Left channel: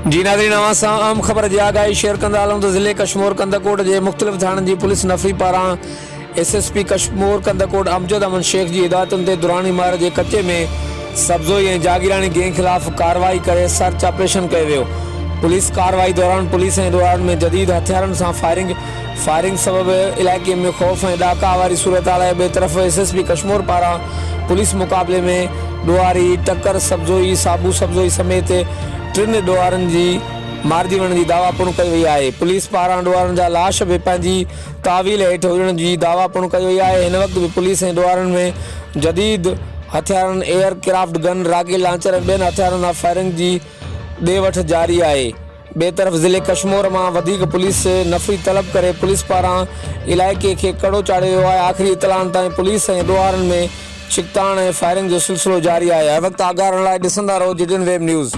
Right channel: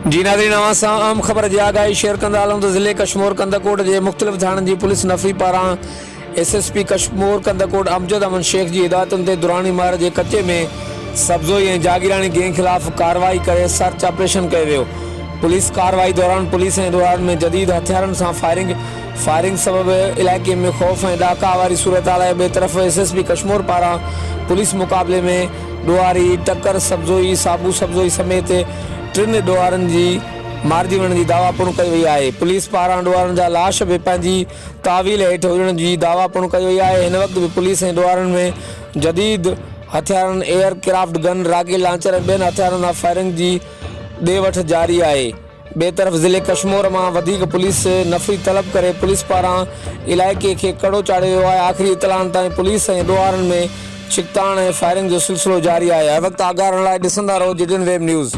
जी नाज़रीन, अवां सां आम ख़बर जी आगाही शेयर कंदा हलूं त ज़िले कश्मीर कंदकोट जे मुख़्तलिफ़ थाणनि जी पुलिस नफ़री पारां SSP कश्मीर कंदकोट अमजद अमन शेख जी हिदायतुनि ते दुरानी मार जे कचे में सब्ज़ोई ऐं जागीरानी गैंग ख़िलाफ़ कार्रवाई करे सर्च ऑपरेशन कयो वियो। पुलिस कार्रवाई दौरान पुलिस ऐं ॾोहारनि में जदीद हथियारनि सां फायरिंग सबबि इलाइक़े में ख़ौफ़ ऐं ॾाका वारी सूरत हाल आहे। ॿिए तरफ़ SSP कश्मीर पारां पुलिस मुक़ाबले में ॾोहारी टकर सब्ज़ोई साबू सब्ज़ोई समेत टिनि ॾोहारनि जी मारिजी वञण जी दावा पिणु कई वई आहे। पुलिस पारां ॾोहारनि जा लाश बि पंहिंजी तावील हेठि हुजण जी दावा पिणु कई वई आहे। हिन वक़्तु बि पुलिस ऐं ॾोहारनि में जदीद हथियारनि एयरक्राफ्ट गन राकेल लांचर ऐं ॿियनि हथियारनि सां फायरिंग जी ॾे वठि जारी आहे। ॿिए तरफ़ ज़िले कश्मीर मां वधीक पुलिस नफ़री तलब करे पुलिस पारां इलाइक़े खे कड़ो चाढ़ियो वियो आहे। आख़िरी इतलाउनि ताईं पुलिस ऐं ॾोहारनि में छिकताण ऐं फायरिंग जो सिलसिलो जारी आहे। हर वक़्तु आगाह रहण लाइ ॾिसंदा रहो GTN वेब न्यूज़।